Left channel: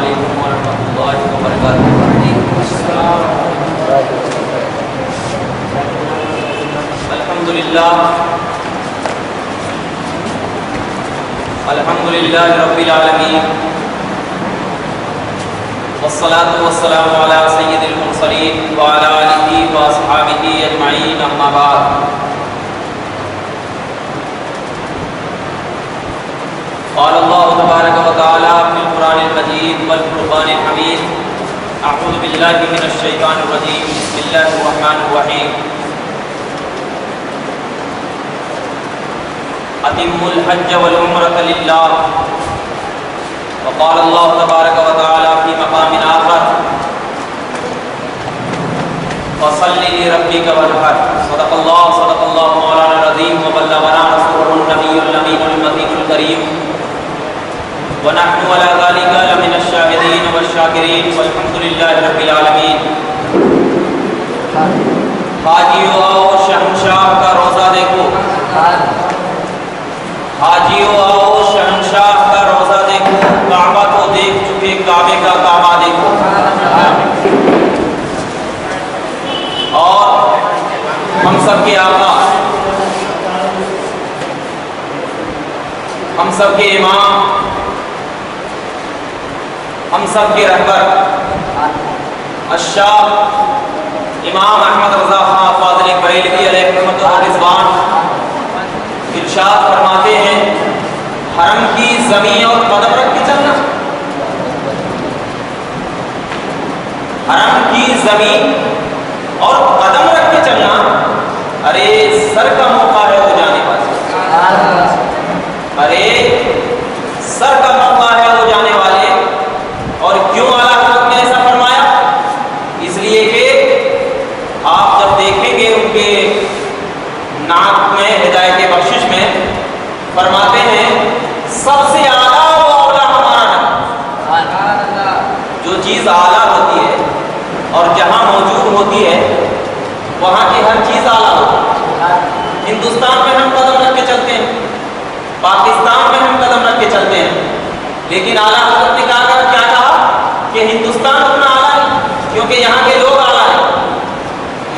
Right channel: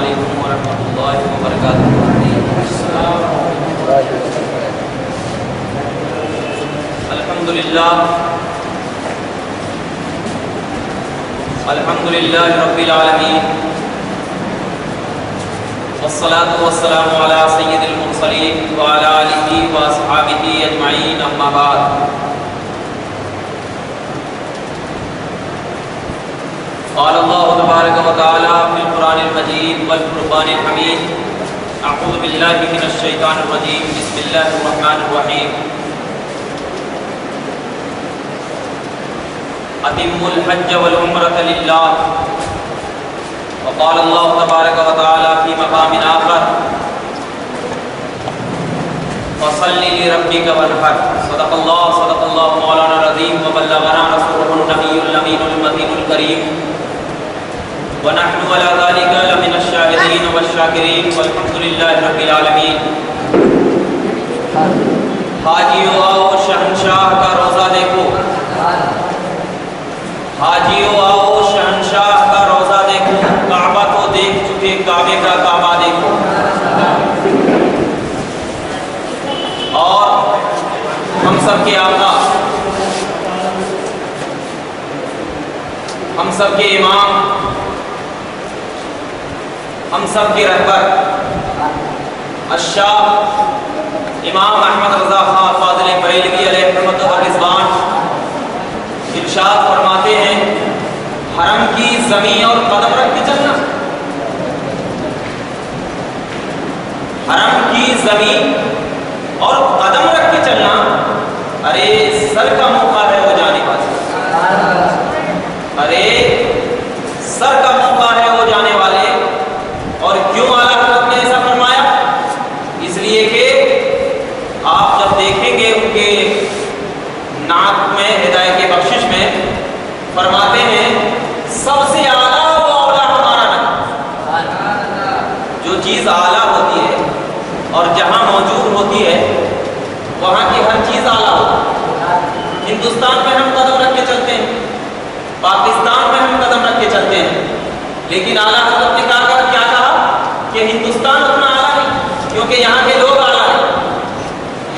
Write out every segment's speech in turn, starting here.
علیکم ورحمۃ اللہ وبرکاتہ۔ الحمد للہ رب العالمین، والصلاة والسلام علی سید المرسلین وعلی آلہ واصحابہ اجمعین، اما بعد۔ قال اللہ تبارک و تعالی فی القرآن المجید والفرقان الحمید، اعوذ باللہ من الشیطان الرجیم، بسم اللہ الرحمن الرحیم۔ اتموا الحج والعمرة للہ، وقال اللہ تبارک و تعالی فی مقام آخر فصل لربک وانحر، صدق اللہ مولانا العظیم، وبلغنا رسولہ النبی الامین المتین الکریم، ونحن على ذلك لمن الشاهدين والشاکرین، والحمد للہ رب العالمین۔ حاجیو آؤ شہنشاہ کا روزہ دیکھو، حاجیو آؤ شہنشاہ کا روزہ دیکھو، کعبہ تو دیکھ چکے، کعبے کا کعبہ دیکھو۔ اور ہم سب کے آقا، ہم سب کے امام، ہم سب کے رہبر الشاہ امام احمد رضا خان فاضل بریلوی علیہ رحمت و رضوان ارشاد فرماتے ہیں، حرم کی زمین اور قدم رکھ کے چلنا، حرم کی زمین اور قدم رکھ کے چلنا، ارے سر کا موقع ہے وہ جانے والے، ارے سر کا موقع ہے وہ جانے والے۔ اور کیوں اعلیٰ حضرت نے ایسا فرمایا؟ اس لیے کہ آپ جب دیکھیں گے ان کے نعت میں، ہدایت بخشش میں فرماتے ہیں، سب سے اعلیٰ و اولیٰ ہمارا نبی۔ جو چیز اعلیٰ ہوتی ہے اور جہاں موجود ہوتی ہے وہاں کی ہر چیز اعلیٰ ہوتی ہے۔ ہندوستان میں ہم قدم رکھ کے چلتے ہیں، پاکستان میں ہم قدم رکھ کے چلتے ہیں، لیکن اعلیٰ حضرت نے کیا کہا کہ ہندوستان اتنا اعلیٰ نہیں، کیونکہ یہاں کے لوگ اعلیٰ ہیں۔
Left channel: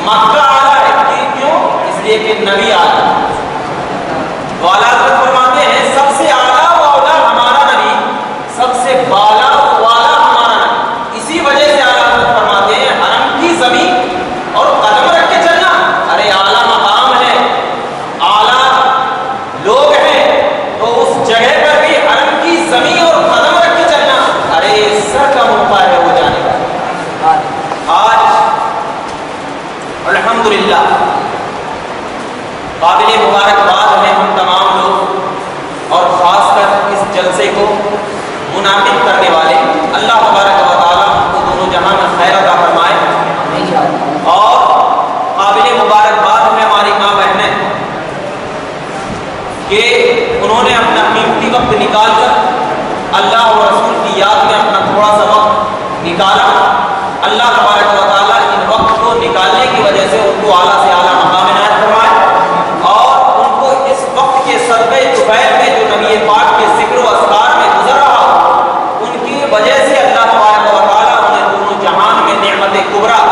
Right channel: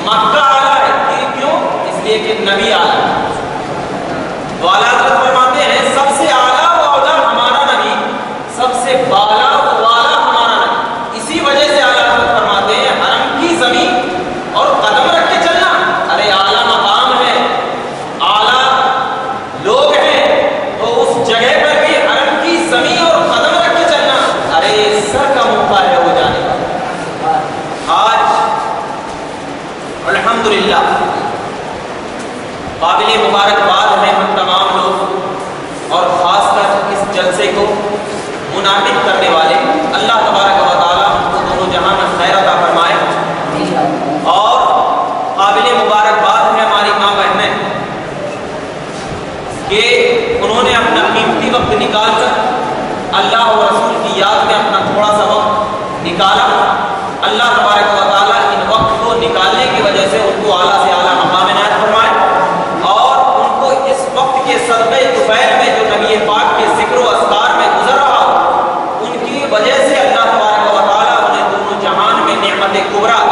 مکہ اعلیٰ ہے، کیوں؟ اس لیے کہ نبی اعلیٰ ہے۔ تو اعلیٰ حضرت فرماتے ہیں، سب سے اعلیٰ و اولیٰ ہمارا نبی، سب سے بالا و والا ہمارا نبی۔ اسی وجہ سے اعلیٰ حضرت فرماتے ہیں، حرم کی زمین اور قدم رکھ کے چلنا، ارے اعلیٰ مقام ہے، اعلیٰ لوگ ہیں، تو اس جگہ پر بھی حرم کی زمین اور قدم رکھ کے چلنا، ارے سر کا موقع ہے وہ جانے کا۔ آج الحمدللہ قابل مبارکباد ہیں ہم تمام لوگ، اور خاص کر اس جلسے کو منعقد کرنے والے، اللہ تبارک و تعالیٰ ان کو دونوں جہاں میں خیر عطا فرمائے۔ اور قابل مبارکباد ہیں ہماری ماں بہنیں کہ انہوں نے اپنا قیمتی وقت نکال کر اللہ و رسول کی یاد میں اپنا تھوڑا سا وقت نکالا۔ اللہ تبارک و تعالیٰ ان وقت کو نکالنے کی وجہ سے ان کو اعلیٰ سے اعلیٰ مقام عنایت فرمائے، اور ان کو اس وقت کے صدقے طفیل میں جو نبی پاک کے ذکر و اذکار میں گزر رہا، ان کی وجہ سے اللہ تبارک و تعالیٰ انہیں دونوں جہان میں نعمت کبریٰ۔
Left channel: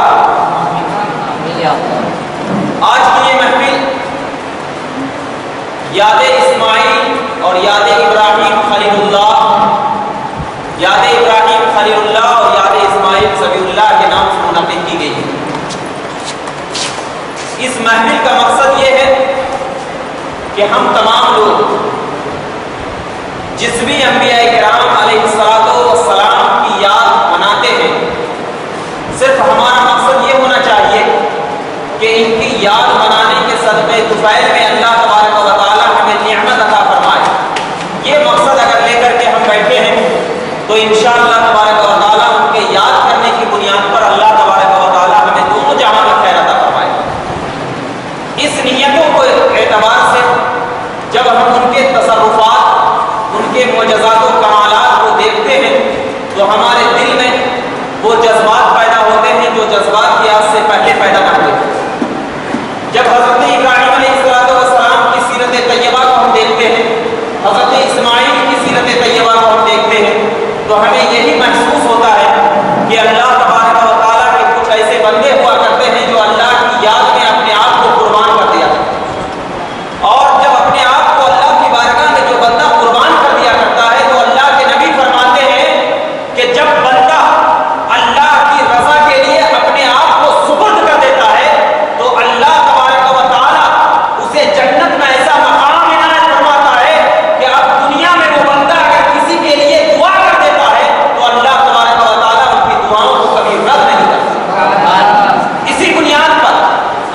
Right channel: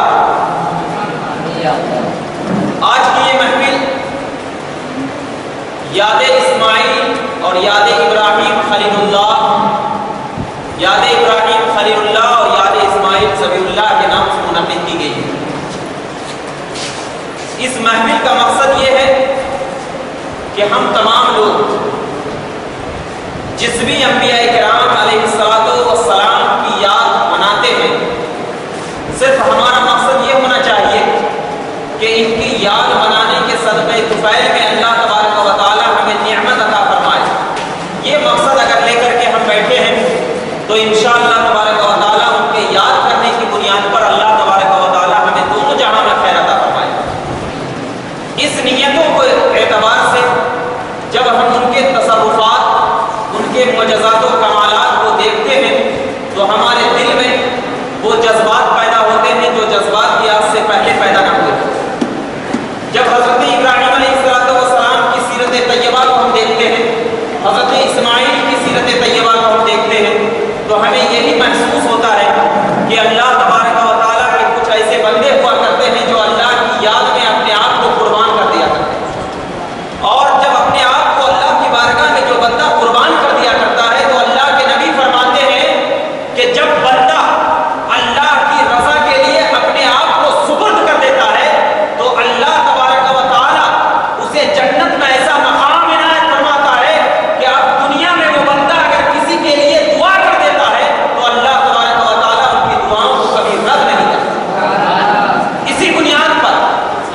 آج کی یہ محفل یاد اسماعیل اور یاد ابراہیم خلیل اللہ، یاد ابراہیم خلیل اللہ اور یاد اسماعیل ذبیح اللہ کے نام سے منعقد کی گئی ہے۔ اس محفل کا مقصد یہ ہے کہ ہم تمام لوگ جس بھی انبیاء کرام علیہ السلام کی یاد مناتے ہیں، صرف ہمارا مقصد یہ ہونا چاہیے کہ ان کی یاد منانے کے صدقے طفیل میں اللہ تبارک و تعالیٰ ہمیں نعمت عطا فرمائے۔ یہ مقصد اگر لے کر کے ہم بیٹھے ہیں تو انشاءاللہ تبارک و تعالیٰ ان کے یاد کرنے کی بنیاد پر اللہ تبارک و تعالیٰ ہمیں دونوں جہاں میں خیر عطا فرمائے۔ اس نیتوں کو اعتبار سے جب ہم ان کے تصرفات، ان کے معجزات و کمالات کو دیکھتے ہیں تو ہمارے دل میں وہ جذبات پیدا ہوتے ہیں جو جذبات کی آج سے پہلے پیدا نہ ہوئے۔ جب حضرت ابراہیم علیہ السلام کی سیرت طیبہ کو ہم دیکھتے ہیں، حضرت اسماعیل کی سیرت طیبہ کو ہم دیکھتے ہیں، تو ہمیں یہی محسوس کہ اللہ تبارک و تعالیٰ کے کچھ ایسے بندے ہوا کرتے ہیں جو اللہ کی یاد میں اپنے آپ کو قربان کر دیا کرتے ہیں، اور جب اپنے آپ کو اللہ کی بارگاہ میں جو بندہ قربان کر دیا کرتا ہے تو اللہ کے نبی فرماتے ہیں کہ جب بندہ اللہ کی رضا کے لیے اپنے آپ کو سپرد کر دیتا ہے تو اللہ تبارک و تعالیٰ اسے جنت میں ایسا مقام عنایت فرماتا ہے کہ اب دنیا میں وہ بندہ اگر کسی کے لیے دعا کر دیتا ہے تو اللہ تبارک و تعالیٰ ان کی دعاؤں کو کبھی رد نہیں کرتا۔ اسی بنیاد پر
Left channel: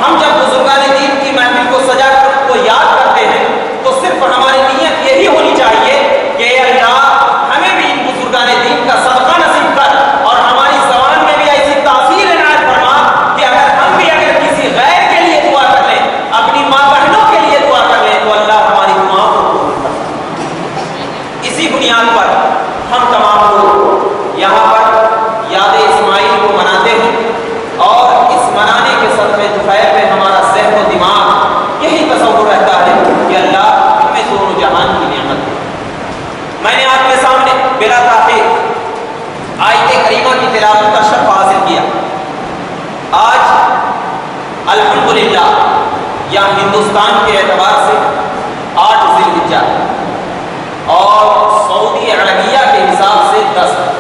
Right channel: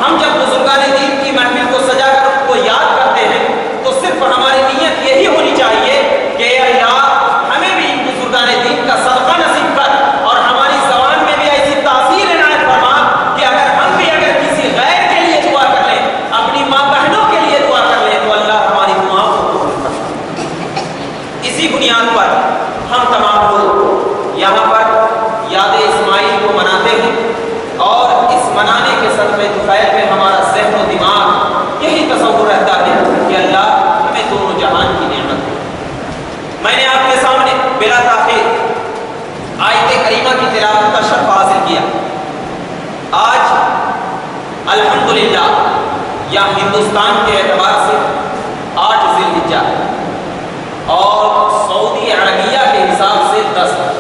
ہم جب بزرگان دین کی محفل کو سجا کر ان کو یاد کرتے ہیں تو صرف ہماری نیت یہی ہونی چاہیے کہ اے اللہ ہمیں بھی ان بزرگان دین کا صدقہ نصیب کر اور ہماری زبان میں بھی ایسی تاثیر عنایت فرما کہ اگر ہم بھی اگر کسی غیر کے لیے دعا کر لیں، اپنی ماں بہنوں کے لیے دعا کر لیں تو اللہ ہماری دعاؤں کو قبول کرتا ہے۔ اسی بنیاد پر ہم تمام لوگ یہاں پر یاد اسماعیل کو مناتے ہیں، اور اس منانے کے صدقے طفیل میں ہمارا ذہن و دماغ یہی تصور رہتا ہے کہ اللہ ہمیں دونوں جہان کی نعمت دے۔ میں نے آپ کے سامنے بلا تاخیر آیت کریمہ کی تلاوت کا شرف حاصل کیا۔ آج الحمدللہ یا ہندوستان کے اعتبار سے 8 ذی الحجہ اور سعودی عربیہ کے حساب سے 10 ہے۔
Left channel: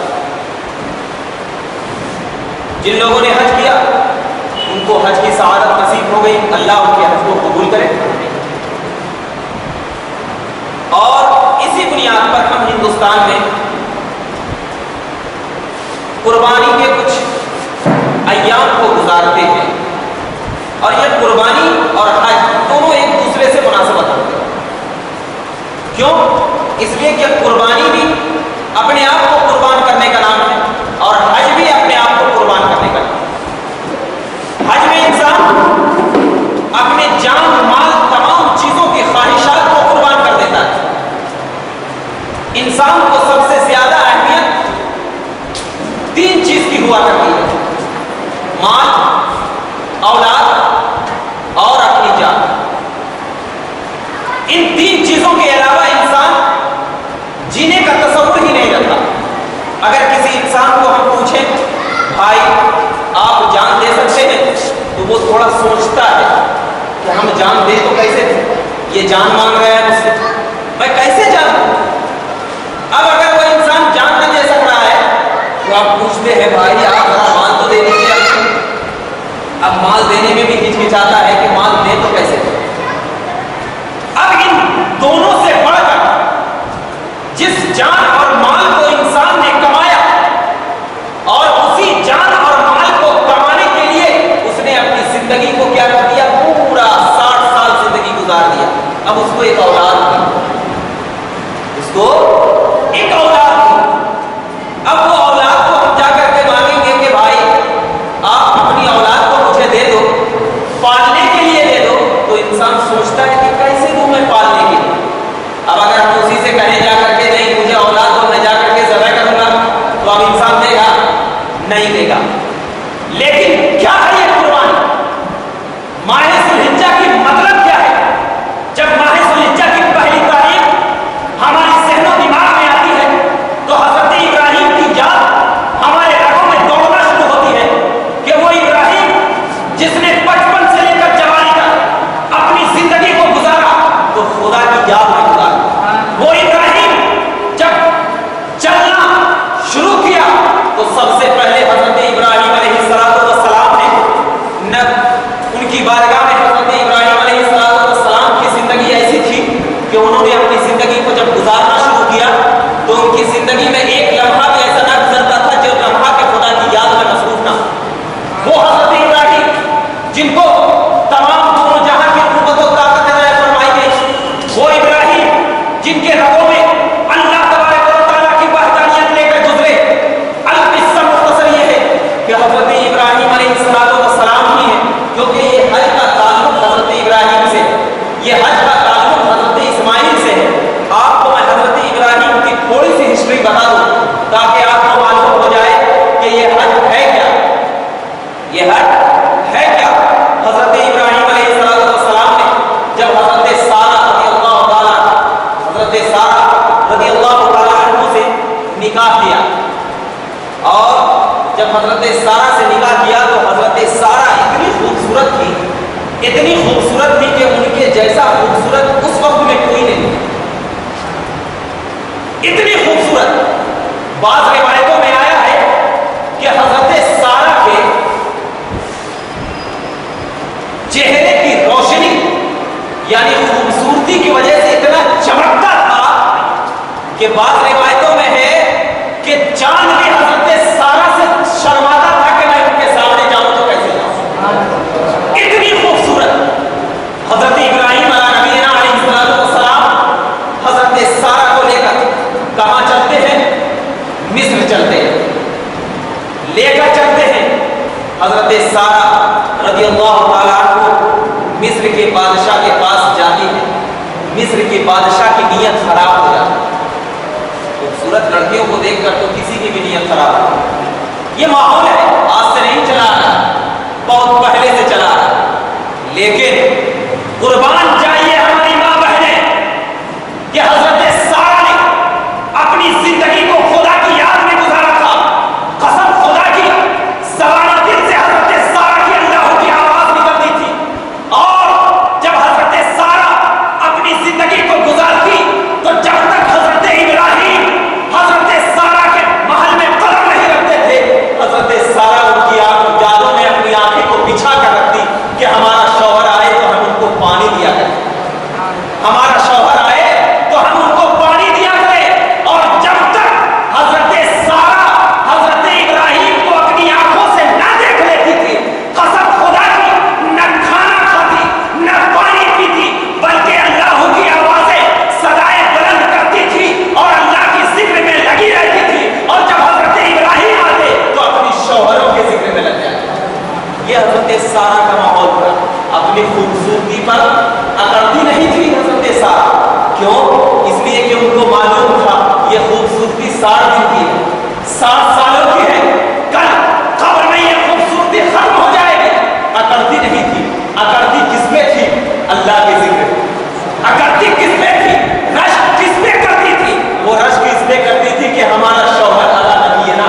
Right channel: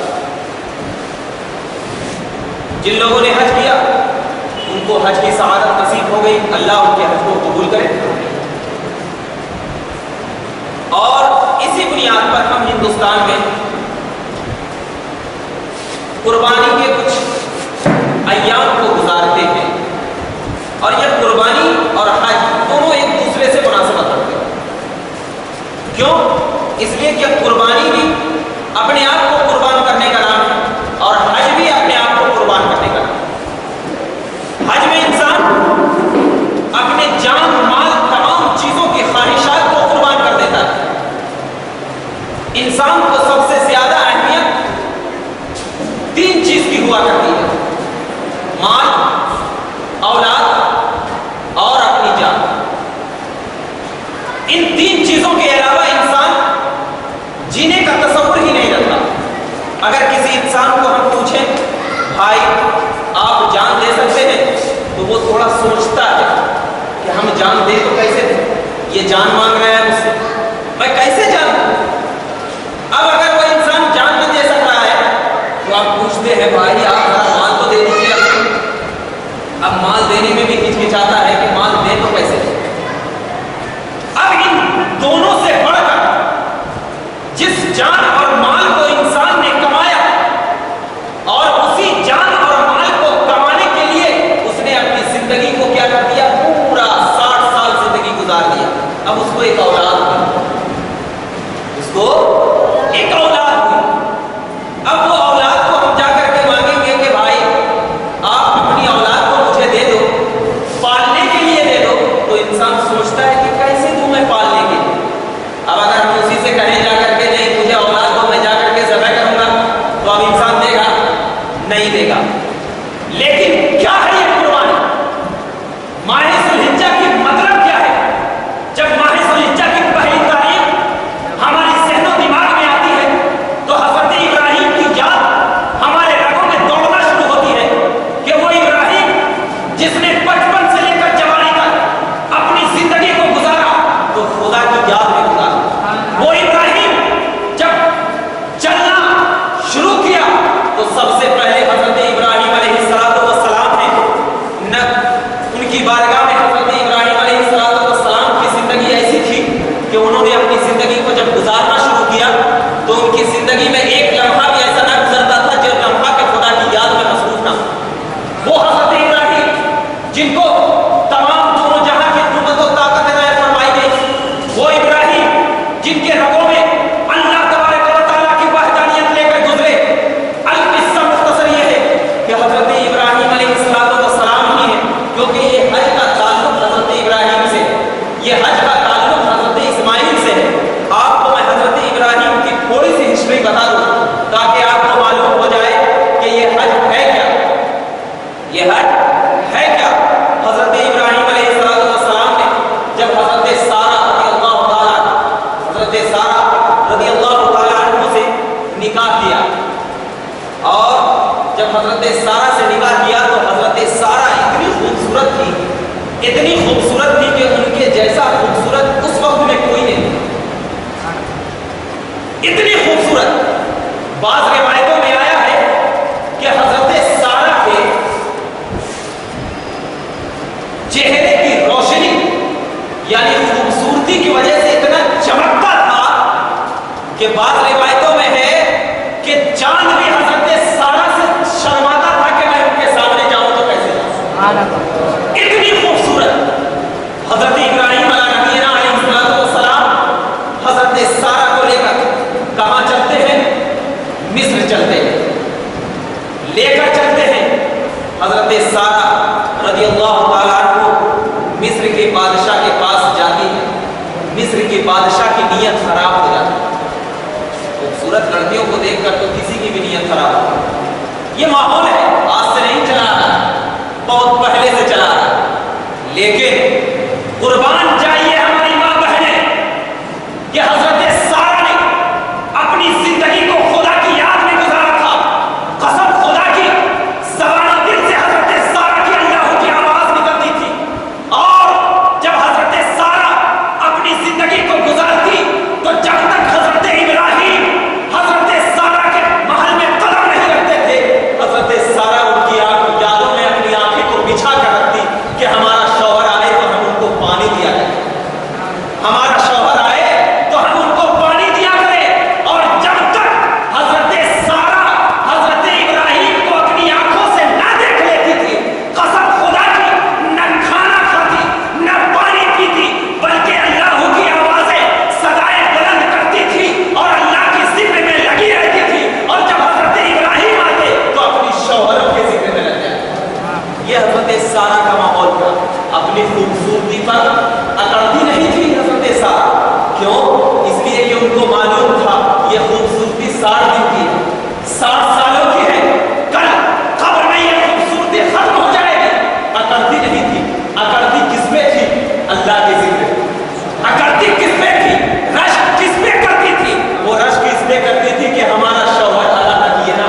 جن لوگوں نے حج کیا ان کو حج کی سعادت نصیب ہو گئی، اللہ ان کے حج کو قبول کرے۔ اور اسی بنیاد پر ہم ہندوستان میں قربانی کے کچھ ایام کو گزارتے ہیں، اور یہ قربانی اور حج دونوں ایک دوسرے سے مناسبت رکھتے ہیں۔ کیوں؟ اس لیے کہ قربانی بھی اپنے آپ کو قربان کرنے کا نام ہے اور حج بھی اپنے آپ کو قربان کرنے کا نام ہے۔ حج میں انسان اپنے جان مال تمام چیزوں کی خواہشات کو قربان کر دیتا ہے۔ انسان کو سب سے زیادہ اہمیت 3 چیز کی ہوا کرتی ہے: مال، اولاد اور اپنی جان۔ ان 3 چیزوں کے علاوہ انسان جینے کا تصور ہی نہیں رکھتا۔ اگر کسی انسان کو ہم پوچھیں بھائی آپ جان دے سکتے ہیں تو وہ تھوڑا سوچتا ہے کہ ہم جان دیں تو کیسے دیں، یہ جان مانگ رہے ہیں مجھ سے، میں کیسے جان دوں؟ اب اگر وہ انسان جان نہ دے سک رہا ہے تو آپ پوچھتے ہیں بھائی آپ ذرا مال تو دے دیجیے۔ اب مال دینے میں بھی ہچکچاتا ہے کہ مال دے تو کیسے دیں۔ اب ان دونوں سے بڑھ کر جس جان اور مال کو انسان نے کمایا اور اسی جان اور مال کو کمانے کے لیے اس نے اپنی زندگی کو کیا کر دیا، پورا 60 سال زندگی گزار دیا۔ اب اس کو ایک اولاد تھی، اس کو ایک اولاد تھی۔ اب وہ اولاد کو ہم جا کر کے مانگیں گے کہ بھائی آپ اپنی اولاد کو مجھے دے دو، پالنے کے لیے دے دو، تو انسان سوچتا ہے کہ کیسے دوں میں پالنے کے لیے۔ اب اگر ہم اسی سے کہیں جا کر کے نہیں مجھے اولاد دو میں جا کر کے ذبح کروں گا تو اب انسان دے گا؟ نہیں دے گا۔ لیکن کیا ہے یہ قربانی؟ ماہ ذی الحجہ کی مطلب کیا ہے؟ جب ماہ ذی الحجہ کی پہلی تاریخ ہمارے ذہن و دماغ میں آتی ہے تو حضرت ابراہیم کی یاد ہمارے رگوں میں دوڑنا شروع ہوتی ہے کہ وہ ابراہیم جس نے 55 سے لے کر جوانی تک اپنی زندگی کو گزارا تو خدا کی یاد میں گزارا۔ وہ ابراہیم جب چلنا شروع کیا تو سب سے پہلے حضرت ابراہیم علیہ السلام نے نہ ان کی بارگاہ میں حضرت ابراہیم علیہ السلام کی زندگی ایسی تھی کہ انہوں نے اپنی زندگی کو جب گزارنا شروع کیا تو ان کی زندگی میں ایک لمحہ بھی ایسا نہ گزرتا تھا جو لمحہ کے خدا کی یاد میں مصروف نہ ہو۔ وہ حضرت ابراہیم جن کو تمام دونوں جہاں کی قوت و طاقت عنایت فرمائی گئی، وہ ابراہیم جن کے رگوں میں اللہ تبارک و تعالیٰ کی وحدانیت لے کر گزرے۔ القصہ مختصر یہ ہے کہ حضرت ابراہیم علیہ السلام ہی ہے، کیونکہ یہ حج کا تعلق حضرت ابراہیم سے، یہ حج کا تعلق حضرت اسماعیل سے ہے۔ آپ کو میں حضرت ابراہیم کی تھوڑی سی ہسٹری بتا دوں تاکہ آپ کو معلوم ہو جائے کہ یہ حج ہے کیا۔ یہ حج ہے کیا؟ حضرت ابراہیم علیہ السلام نے جب حضرت سارہ رضی اللہ تعالیٰ عنہ سے نکاح کیا اور جب حضرت سارہ سے نکاح کیا تو حضرت سارہ اتنی خوبصورت تھی کہ ان کے جیسا خوبصورت اس وقت میں کوئی نہیں، اتنی خوبصورت۔ بعض روایتوں میں آیا ہے کہ حضرت سارہ کے چہرے کی روشنی یعنی خوبصورتی کی وجہ سے اتنا چمکتا تھا کہ بعض روایتوں میں ہے کہ چاند بھی حضرت سارہ سے شرماتا تھا کہ میں ان کے سامنے جاؤں تو کیسے جاؤں، اتنی خوبصورت۔ حضرت ابراہیم علیہ السلام حضرت سارہ کو لے کر کہاں چلتے ہیں؟ مصر چلتے ہیں، لے کر چلتے ہیں۔ حضرت سارہ رضی اللہ تعالیٰ عنہ مصر کے بادشاہ کے پاس جاتی ہے، مصر کے بادشاہ کی نیت خراب ہو جاتی ہے، خوبصورت لڑکیوں کو دیکھ کر تو کسی کی بھی نیت خراب ہو۔ یہ ماحول ہے، آج سے نہیں چلا رہا، بہت پہلے سے چلا رہا، لیکن قربان جائیے ہماری ماں بہنیں کہ حضرت سارہ نے اپنی زندگی کو خدا کی یاد میں گزارا تھا۔ قسم خدا کی، زبان دل سے حضرت سارہ کی اللہ کی آواز نکلتی تھی، اور جب حضرت سارہ اپنی زندگی کو گزارتی تو جب تک حضرت ابراہیم حضرت سارہ کے محل میں قدم نہیں رکھتے تھے، حضرت سارہ ان کی یادوں میں اپنی آنکھیں کو بچھا کر رکھتی کہ ہمارا شوہر آئے تو ہم ان کو پانی دیا کریں، ہمارا شوہر آئے تو ہم ان کو پانی دیا کریں۔ اور جب تک حضرت سارہ حضرت ابراہیم کو اپنی آنکھوں سے نہ دیکھ لیتی تھی، قسم خدا کی، نہ کھانا کھاتی نہ پانی پیتی، بلکہ اللہ کی آوازیں صدائیں بلند کرتی تھی اور اللہ کی ذکر میں لگی رہتی تھی، اور جب حضرت ابراہیم آتے تو اپنی شوہروں کے ذکر میں لگ جاتی۔ یہ حضرت سارہ کا ماحول تھا۔ اپنی خوبصورتی پر اکڑتی نہیں تھی حضرت سارہ، کیوں؟ اس لیے کہ ان کو معلوم تھا یہ خوبصورتی 60 دن کی ہے، 60 سالوں کی ہے، کل قبر میں یہ خوبصورتی ختم ہو جائے گی۔ اکڑتی نہیں تھی، اکڑتی کس پہ تھی؟ اللہ کے ذکر۔ اکڑتی کس پہ تھی؟ رشک کس پہ کرتی تھی؟ وہ رشک اس پہ کرتی تھی کہ ہمارا شوہر اللہ نبی نا۔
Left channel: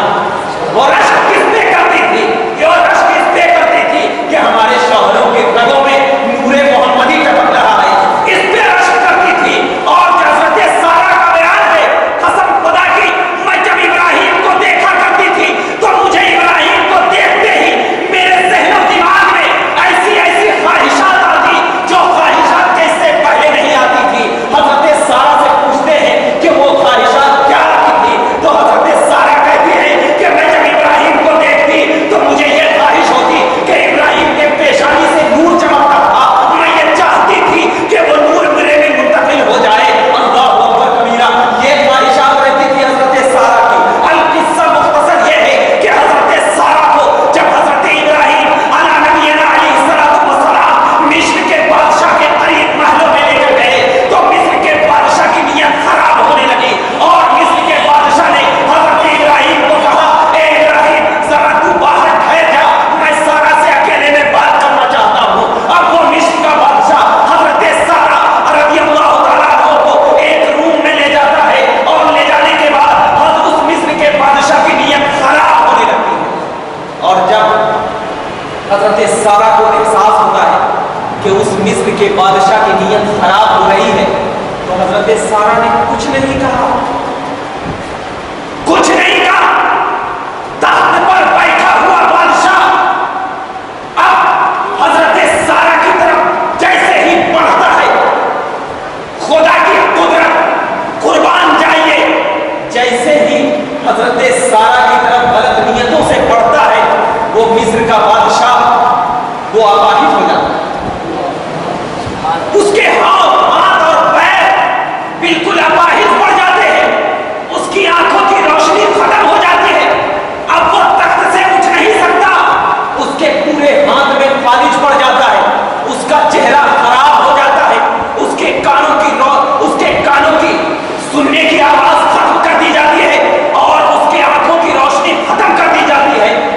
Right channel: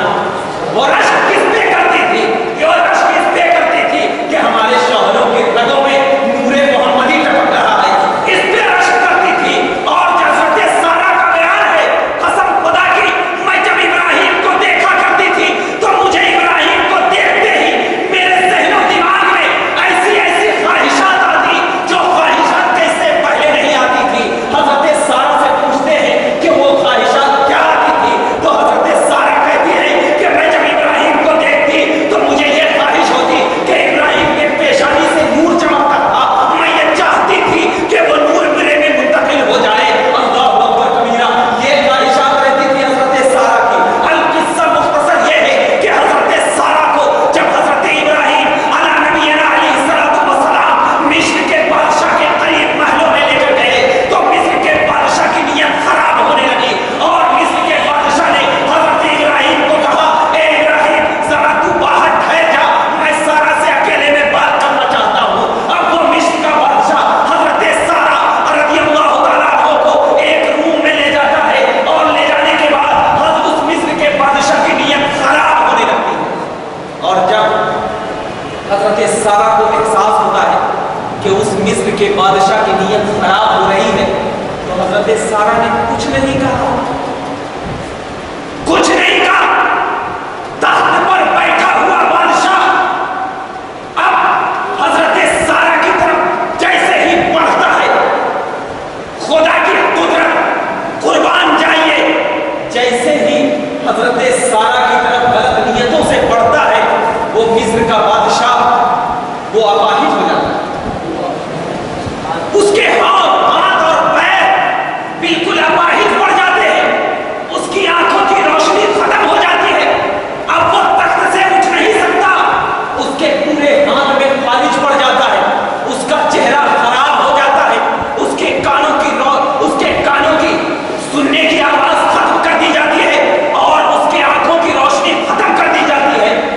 وہ رشک کس پہ کرتی تھی؟ وہ رشک اس پہ کرتی تھی کہ ہمارے شوہروں کے رگوں میں نور محمدی ٹپک رہا ہے، اس پہ رشک کرتی تھی۔ اور حضرت سارہ کا بیان ہے، قسم خدا کی، میں جب ابراہیم کو دیکھا کرتی تھی تو مجھے ابراہیم کو دیکھتے ہی میرے ذہن و دماغ میں ایسی ایسی خواہشات آتی جو خواہشات جیسے پہلے نہیں آتی تھی۔ حضرت سارہ سے پوچھتے ہیں کہ وہ خواہشات کیا آتی تھی، تو حضرت سارہ کہتی ہے کہ میں جب ابراہیم کو دیکھتی تو مجھے یہ خواہش ہوتی کہ ابراہیم کے پیشانی سے نور چمکتا تھا، میں یہ چاہتی تھی کہ وہ نور میرے میں منتقل ہو جائے۔ اللہ اکبر کبیرہ، یہ خواہشات رہتی تھی حضرت سارہ کی۔ القصہ مختصر یہ ہے کہ حضرت سارہ کو جب حضرت ابراہیم علی نبینا علیہ السلام مصر کے بادشاہ کے قریب محلوں میں لے کر گئے تو مصر کے بادشاہ کی نیت خراب ہونے لگی، اور مصر کے بادشاہ نے حضرت ابراہیم کو کہا، اے ابراہیم ذرا تو باہر ٹھہر جا، میں سارہ سے اکیلے میں بات کرنا چاہتا ہوں۔ اب وہ مصر کا بادشاہ حضرت سارہ رضی اللہ تعالیٰ عنہ کو ایک روم میں لے جاتا ہے، اور لے جانے کے بعد حضرت اس مصر کے بادشاہ کی نیت خراب ہونے لگتی ہے۔ اور جب حضرت سارہ کو احساس ہوتا ہے کہ اس مصر کے بادشاہ کی نیت خراب ہو رہی ہے تو حضرت سارہ نے کچھ نہیں کہا، کچھ نہیں کہا۔ تخت پر بیٹھا ہوا بادشاہ اب حضرت سارہ کی طرف جیسے ہی بڑھتا ہے، خدا کی قدرت، قربان جائیے، جیسے ہی حضرت سارہ کی طرف غلط نیتوں سے بڑھتا ہے وہ مصر کا بادشاہ وہ اپاہج ہو جاتا ہے، اس کے ہاتھ اور پیر بالکل اپاہج پڑ جاتے ہیں، اس کی آنکھوں کی روشنی ختم ہو جاتی ہے، اب وہ تخت سے اٹھ نہیں سکتا، اس کے پورے ہاتھ میں فالج پڑ جاتا ہے، اس کا چہرہ خراب ہو جاتا ہے، اس کے کانوں کی سننے کی آواز ختم کر دی جاتی ہے، اور اس کی آنکھوں کی روشنی ختم کر دی جاتی ہے۔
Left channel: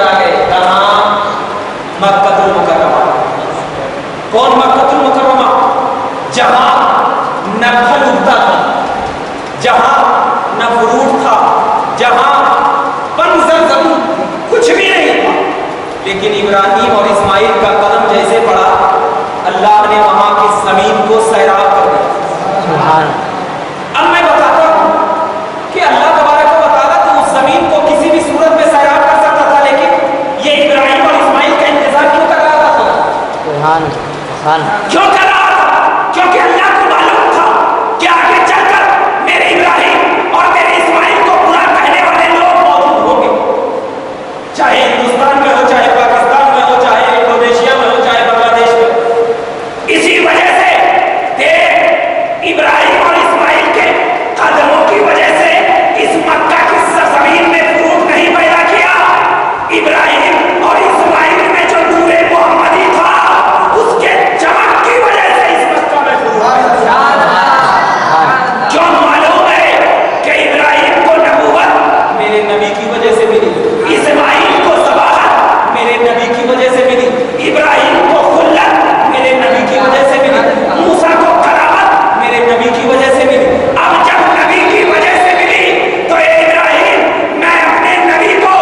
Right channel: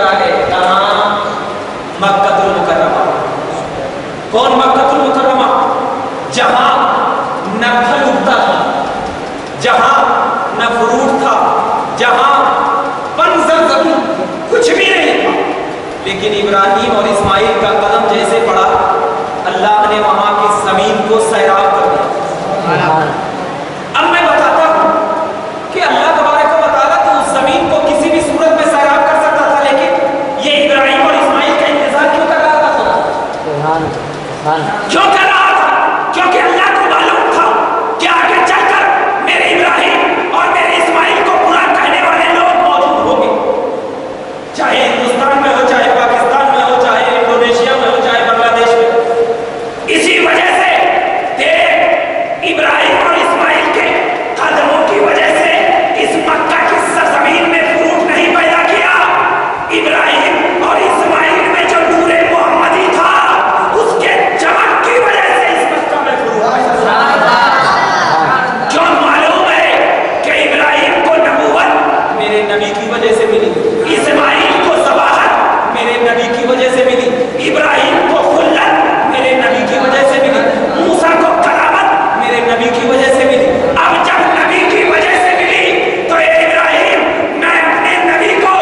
نظر آ گئے. کہاں؟ مکہ المکرمہ. کون مکہ المکرمہ؟ جہاں نہ پھل اگتا تھا، جہاں نہ فروٹ تھا، جہاں بنجر زمین کچھ بھی نہیں تھا، لیکن ابراہیم اور اسماعیل کا قدم جیسے پڑا اللہ نے وہاں کی زمین کو سیراب کر دیا. اب میں بتاتا ہوں کہ اللہ تبارک و تعالیٰ تو اس زمین کو کسی بھی صورت میں سیراب کر سکتا تھا، لیکن یہ ابراہیم اور اسماعیل کا انتظار کیوں کر رہا تھا خدا؟ کیوں کر رہا تھا؟ کیونکہ اللہ کو معلوم تھا کہ آگے چل کر میرے ابراہیم اور میرے اسماعیل کو برا کہنے والے لوگ موجود ہوں گے، چاہے ہندوستان میں ہو، چاہے پاکستان میں ہو، چاہے انڈونیشیا میں ہو، چاہے بنگلہ دیش میں. اسی وجہ سے ابراہیم اور اسماعیل کے قدموں کی وجہ سے اس مکہ کی سرزمین میں فروٹ نہیں پیدا کیا. ابراہیم اور اسماعیل میں جو نور محمدی تھا اس کے چمک کی وجہ سے اس مکہ میں فروٹ پیدا کیا. کیوں؟ معلوم ہے کہ ابراہیم کو نبوت میرے نبی کی وجہ سے ملی، اسماعیل کو صباحت میرے نبی کی وجہ سے ملی، ابراہیم کو خلت میرے نبی کی وجہ سے ملی، موسیٰ کو کرامت میرے نبی کی وجہ سے ملی. اب جب نبی کی وجہ سے ملی تو اے ابراہیم، میں اپنے نبی کو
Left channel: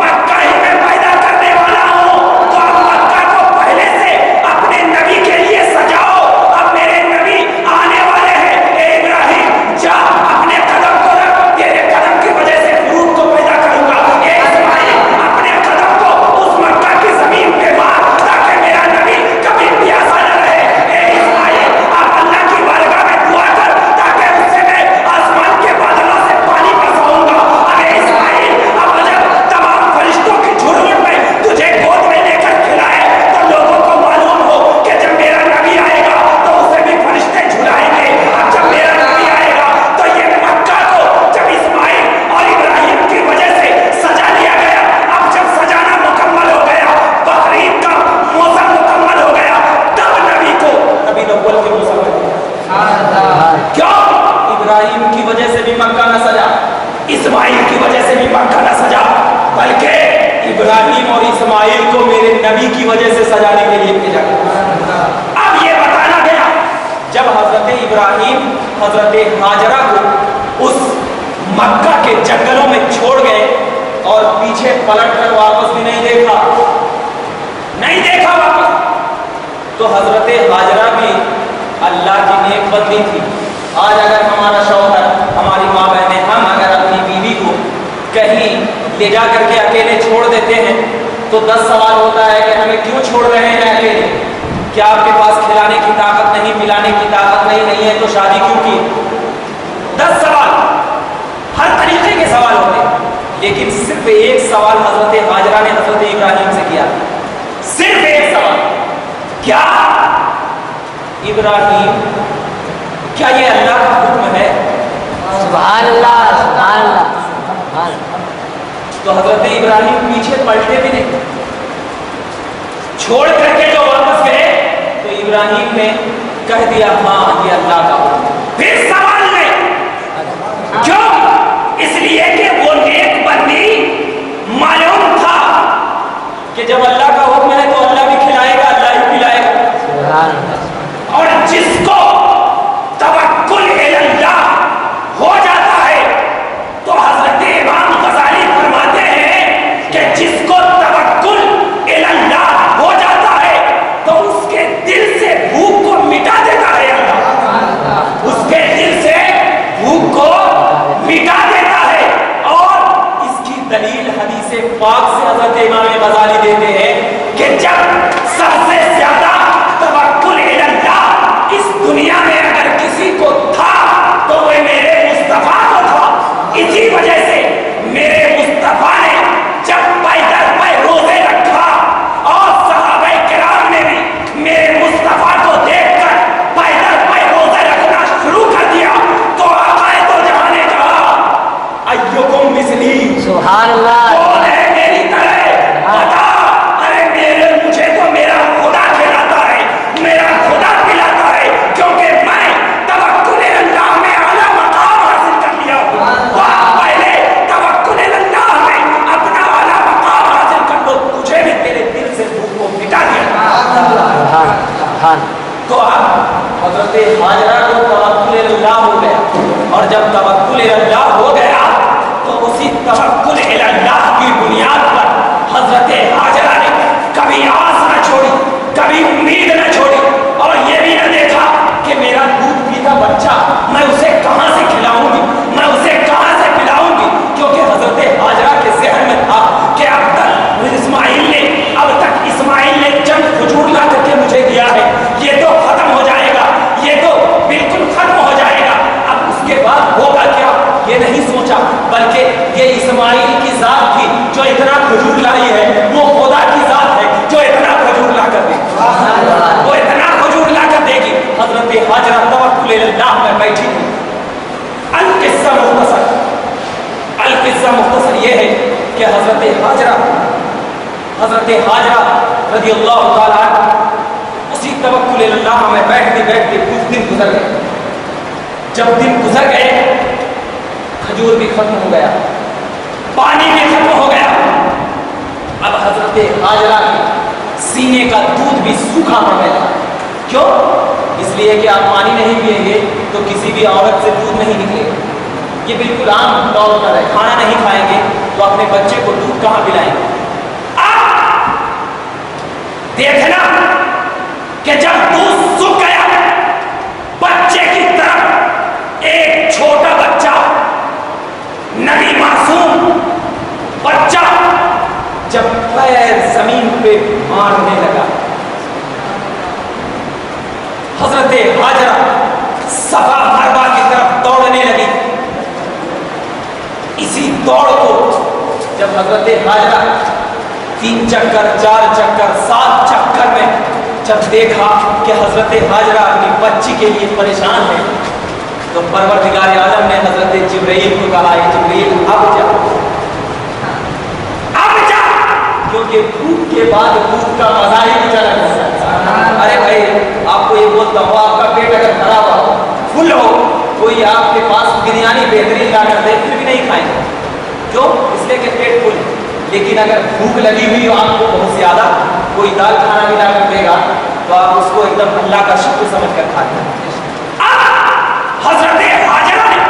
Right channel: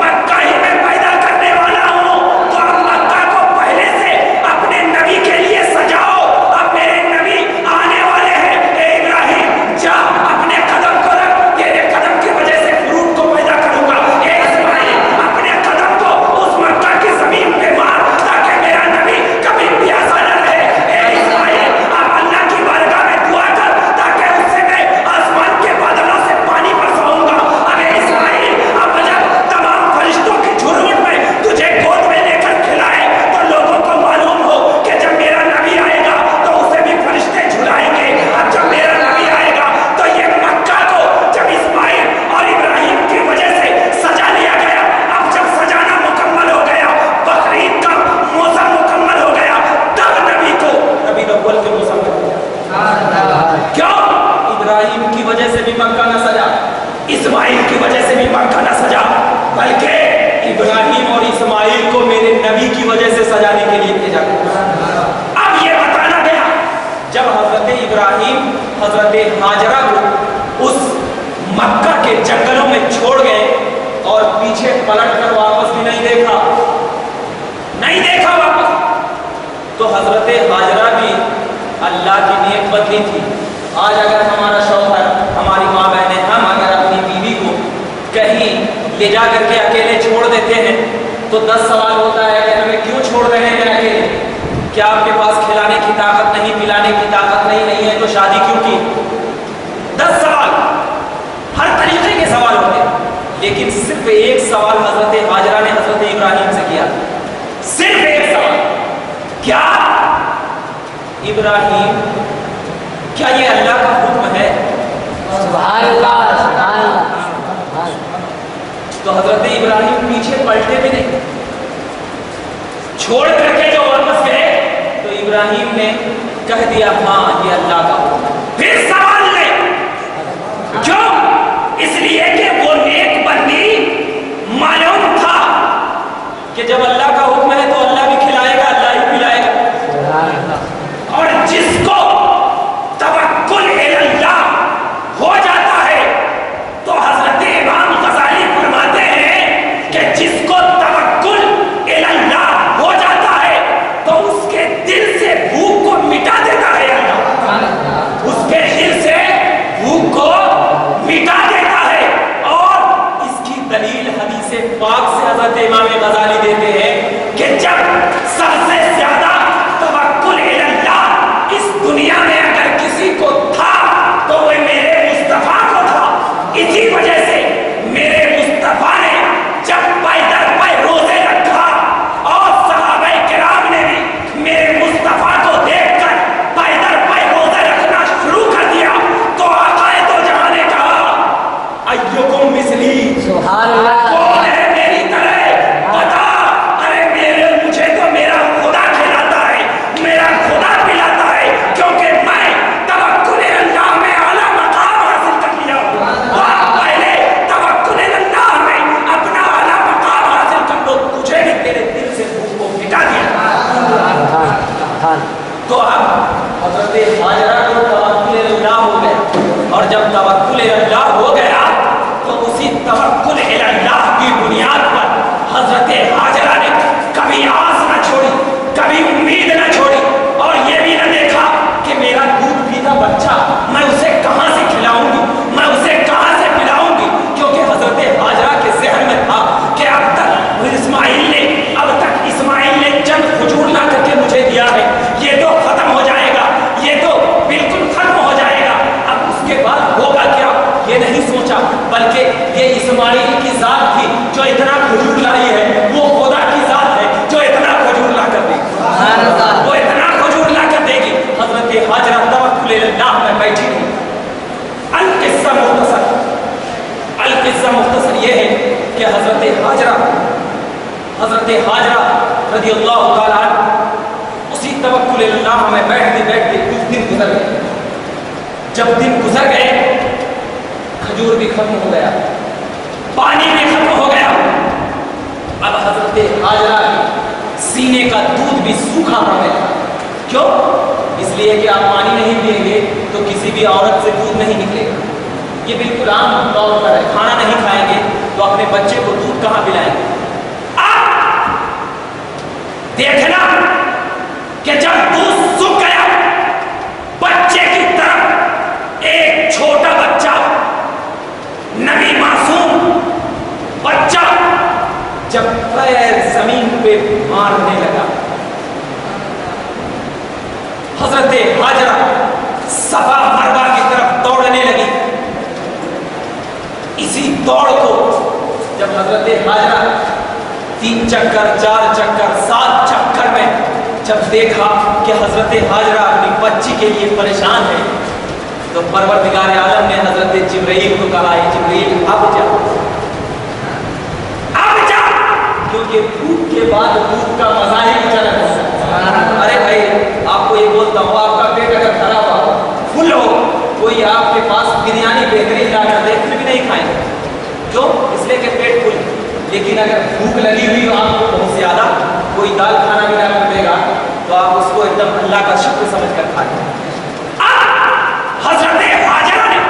مکہ ہی میں پیدا کرنے والا ہوں، تو اب مکہ کو پہلے سے اپنے نبی کے لیے سجاؤ. اب میرے نبی آنے والے ہیں. اے ابراہیم جا اپنے قدم کو رکھ، تیرے قدم کی وجہ سے فروٹ کو پیدا کروں گا. اے اسماعیل اپنے قدم کو اس مکہ کی زمین پہ مار تاکہ میرا نبی کبھی پیاسا نہ رہے. اے اسماعیل آپ اللہ کی بارگاہ میں دعا کر تاکہ اس سے میں آسمان کے بادلوں سے پانی برساؤں گا. اب اے اسماعیل اب جب تمام فرشتوں کی جھرمٹ میں تجھے گود میں لے کر کھلائے تو لوگوں کو معلوم ہو کہ جب میرا نبی آئے گا تو اسے بھی فرشتے جھلائیں گے. اب جب میرا نبی آئے گا تو یہ مکہ کو جب اسماعیل اور ابراہیم کی وجہ سے سجا لیا گیا، اب جب سجانا مکمل ہو گیا، بقرعید کا موسم مکمل ہو گیا، تب نبی کو نبی الاول کے موسم میں کیوں؟ ابراہیم کی وجہ سے بھی مکہ نہ سجا، اسماعیل کی وجہ سے بھی مکہ نہ سجا، بلکہ ابراہیم اور اسماعیل کو میرے نبی کی وجہ سے سجانے کے لیے بھیجا گیا. اب یہ بتانا گیا جب حضرت ابراہیم حضرت ہاجرہ کو اس مکہ کے جنگلوں میں چھوڑ گئے اور پیچھے پلٹ کر واپس بھی نہیں دیکھا واپس، تو حضرت ہاجرہ بھی اللہ کی نیک بندی تھی. آج اگر ہمارا شوہر، ہماری ماں بہنیں، ہم اگر اپنی بیوی کو کہیں لے جا کر کے اکیلے چھوڑ دیتے ہیں تو 10 سوال ہوتا ہے کہ ہمیں کیوں چھوڑ رہے ہیں اکیلے؟ کیا آپ کے پاس کھلانے کی طاقت نہیں، پلانے کی طاقت نہیں ہے تو شادی کیوں کی؟ 10 سوال، ہر طریقے کے سوال ہوتے ہیں. لیکن صرف ایک سوال حضرت ہاجرہ نے حضرت ابراہیم سے کیا، صرف ایک سوال. کیا ابراہیم، کیا یہ اللہ کا حکم ہے؟ سبحان اللہ، سبحان اللہ، سبحان اللہ. تو حضرت ابراہیم پیچھے پلٹے بھی نہیں، چھوڑ کر کے جو واپس گئے تو ابراہیم نے کہہ دیا ہاں یہ اللہ کا حکم ہے. پھر سوال نہیں. کیوں؟ اس لیے کہ وہ نیک بندی معلوم تھا کہ جب اللہ کا حکم ہے تو اللہ بھی کھلائے گا، اللہ ہی پلائے گا. اور جس کو توکل اللہ ہو جاتا ہے تو حضرت امام غزالی فرماتے ہیں کہ جس کو توکل اللہ ہو جاتا ہے تو اس کے دل سے بھوک کو مٹا دیتا ہے اللہ. اس کے دل سے بھوک کو مٹا دیتا ہے. اور اس کی دلیل حدیث پاک سے حضرت امام غزالی دیتے ہیں کہ جب سب سے زیادہ توکل اللہ اس دنیا میں اگر کسی کو تھا تو وہ میرے مصطفیٰ کو تھا. اسی وجہ سے میرے مصطفیٰ نے جب پیدل پہ روزے رکھا اور صحابہ کرام نے بھی میرے مصطفیٰ کو دیکھ کر پیدل پہ روزے رکھنا شروع کر دیا تو آقا دو جہاں نے کہا ایکم مثلی، سبحان اللہ. کون ہے میری طرح؟ بتا. ارے مجھے تو حضرت حاجرہ رضی اللہ تعالیٰ عنہ اسی توکل اللہ میں بیٹھتے بیٹھتے کچھ دن گزر گئے. جب دن گزر گئے کھجور بھی ختم ہو گیا, پانی بھی ختم ہو گیا. اب حضرت حاجرہ کے سینے کا دودھ بھی سوکھا پڑ گیا. کیوں؟ اس لیے کہ آپ پانی نہیں پئیں گے تو کسی بھی عورت سے دودھ نہیں نکلے گا. یہ بالکل عام طور پر ہے. کھانا نہیں کھائیں گے تو اپنے بچے کو دودھ کہاں پلائیں گے؟ دیکھنا کہ جب دودھ سوکھ گیا بچے کی طرف ایک چھوٹا بچہ, نبی معصوم بچہ, جب پیر زمین پہ مارنے لگا, حضرت حاجرہ صفا مروہ کی طرف دوڑنے لگی. اسی دوڑ کو جب حضرت حاجرہ 3 چکر 4 چکر 7 چکر میں جب دیکھا کہ حضرت حاجرہ اپنی بچی کے لیے پریشان ہے, تو پروردگار عالم نے حضرت جبرائیل کو کہا, اے جبرائیل اب جا, کیونکہ بھوک کے بعد دودھ کا مزہ ہی کچھ الگ ہے. ارے بھائی آپ کو یہ بولتا ہوں, آپ کا پیٹ اگر بھرا ہوا فل ہو, کوئی آپ کے پاس بریانی بہترین لا کر دے پھر بھی نہیں کھائیں گے. کیوں؟ اس لیے کہ پیٹ فل. لیکن اگر بھوک لگی ہوئی ہو آپ کو بہت زیادہ, کوئی دال کھانا بھی لا کر دے گا تو آپ اس کو ایک دم اللہ کا شکر سمجھ کر کھاتے ہیں. حضرت حاجرہ نے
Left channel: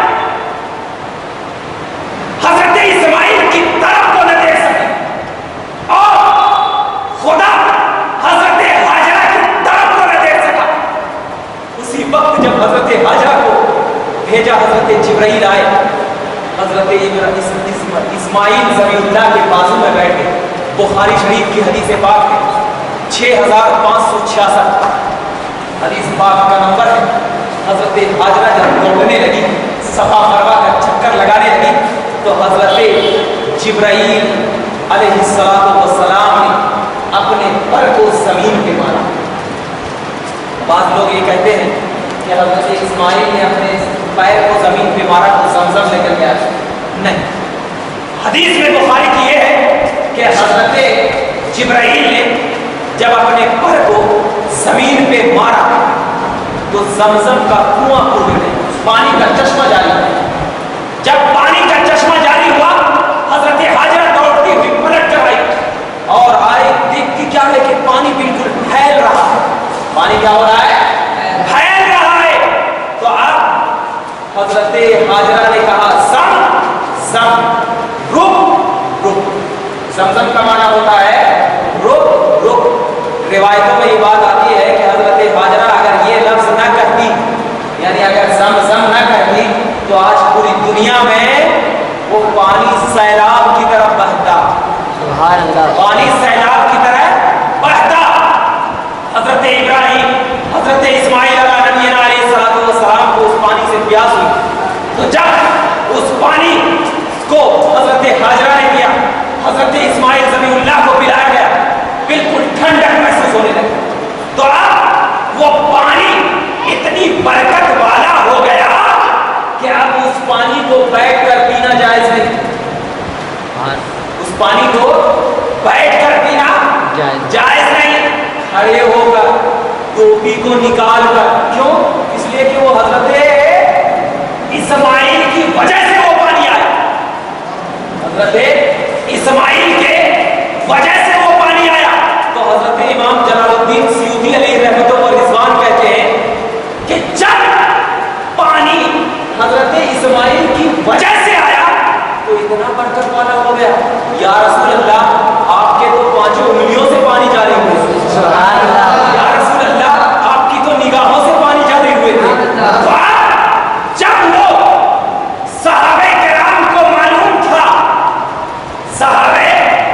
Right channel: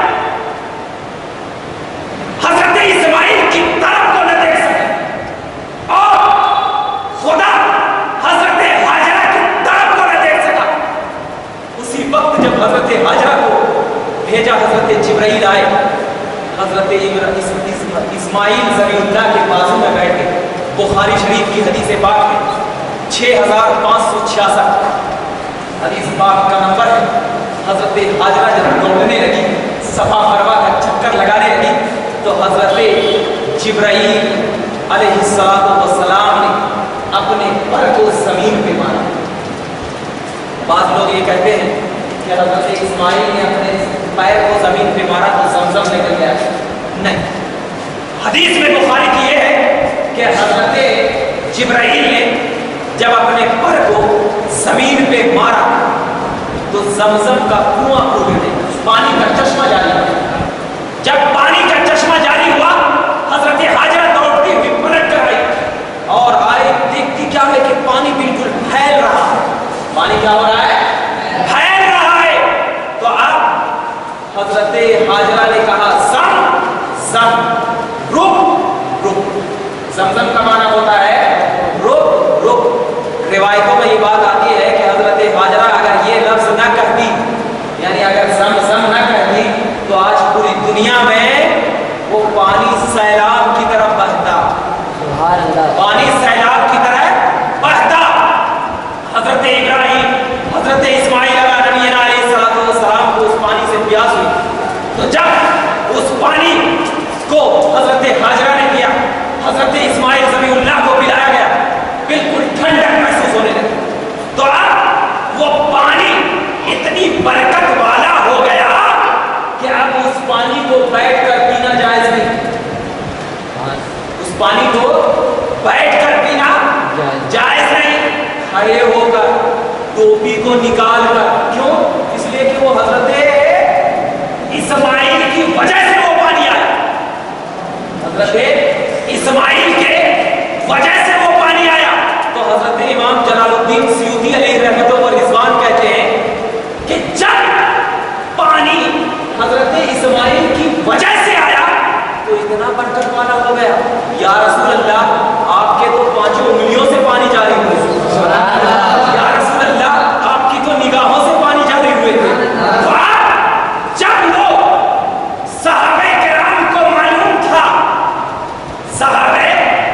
حضرت اسماعیل کی طرف کو نہ دیکھ سکے اور خدا حضرت حاجرہ کی طرف کو نہ دیکھ سکا. اسی وقت جب حضرت حاجرہ کو بھیجا, حضرت جبرائیل آئے, حضرت اسماعیل ذبیح اللہ کے بازو میں بیٹھ گئے. بخاری شریف کی حدیث پاک ہے 6566 حدیث پاک کا نمبر ہے. حضرت حاجرہ جب دوڑنے لگی, صفا مروہ کا چکر لگانے لگی, تو حضرت جبرائیل علیہ السلام نے اپنے پر کو زمین پہ مارا. بعض لوگ یہ کہتے ہیں کہ حضرت اسماعیل نے اپنے پیر کو زمین پہ مارا تو زمزم نکل گیا. نہیں, حدیث میں بخاری کی یہ ہے کہ حضرت جبرائیل نے جب اپنے پر کو زمین پہ مارا تو زمزم کا کنواں کھل گیا, پانی کا چشمہ جاری ہوا. جب پانی کا چشمہ جاری ہوا حضرت حاجرہ دوڑتی ہوئی پلٹ کر آئی اور آئی, دیکھتی کیا ہے کہ پانی بالکل پھیل رہا ہے. پانی کیا ہو رہا ہے؟ پھیل رہا ہے. تو اب حضرت حاجرہ نے کہا زم زم, رک رک. زمزم کا معنی ہوتا ہے رک رک. روایتوں میں یہ بات آتی ہے کہ حضرت حاجرہ اگر یہ لفظ نہ کہتی, یعنی اگر زمزم نہ کہتی, تو آج پوری دنیا میں وہ پانی سیلاب کی طرف بہتا. سبحان اللہ. پانی سیلاب کی طرح بہتا. حضرت ابراہیم, حضرت اسماعیل علیہ نبینا علیہ السلام کو اس پانی سے پیاس ہوئی, تو جب اس پانی کو حضرت حاجرہ نے پیا, حضرت اسماعیل ذبیح اللہ کو پلایا گیا, بالکل ٹھنڈک محسوس ہونے لگی. تو اب وہ پانی اتنی برکت والا ہو گیا کہ اب اس پانی کو بیٹھ کر پینا جائز نہیں. اس پانی کو بیٹھ کر پینا جائز نہیں, کھڑے ہو کر ٹوپی کو نکال کر. کیوں؟ اس لیے کہ وہ حضرت اسماعیل کی وجہ سے وہ پانی آیا. حضرت اسماعیل کے وجہ سے وہ پانی آیا. تو حضرت امام جلال الدین سیوطی علیہ رحمۃ و رضوان کہتے ہیں کہ جب پانی حضرت اسماعیل کی وجہ سے آیا تو اتنا برکت والا ہو گیا. یا رسول اللہ, آپ کے تو 5 انگلیوں سے پانی جاری ہوئے تھے. یا رسول اللہ, آپ کی تو نگاہوں سے پانی جاری ہوئے تھے. جب وہ صحابہ کرام کو معلوم تھا, صحابہ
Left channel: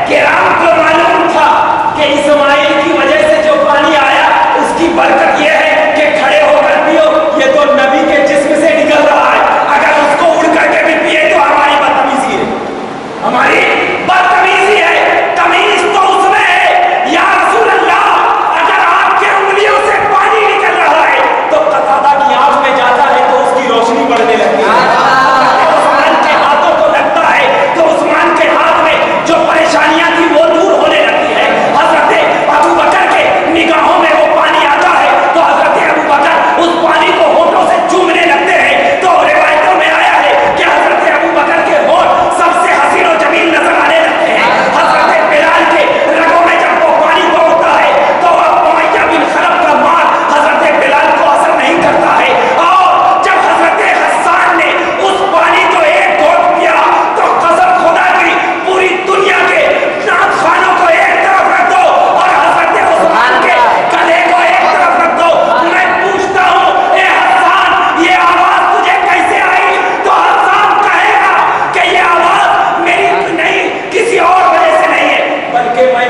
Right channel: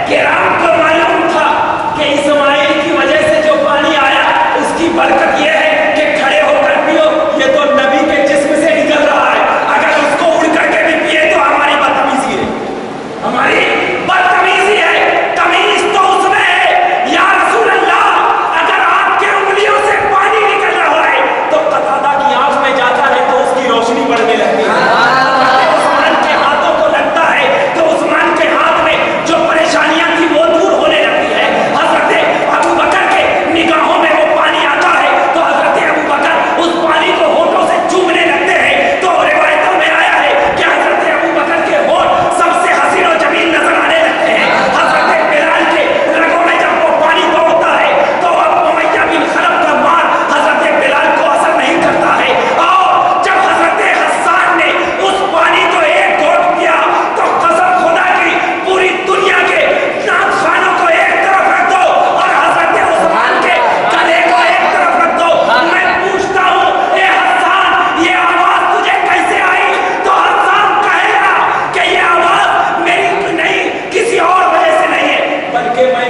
کرام کو معلوم تھا کہ اسماعیل کی وجہ سے جو پانی آیا اس کی برکت یہ ہے کہ کھڑے ہو کر پیو, یہ تو نبی کے جسم سے نکل رہا ہے, اگر اس کو اڑ کر کے بھی پیے تو ہماری بدتمیزی ہے, ہماری بدتمیزی ہے. تمیز تو اس میں ہے. یا رسول اللہ, اگر آپ کے انگلیوں سے پانی نکل رہا ہے تو قتادہ کی آنکھ میں جاتا ہے تو اس کی روشنی بڑھنے لگتی ہے. عثمان کے ہاتھوں کو لگتا ہے تو عثمان کے ہاتھ میں جو پریشانیاں تھی وہ دور ہونے لگتی ہے.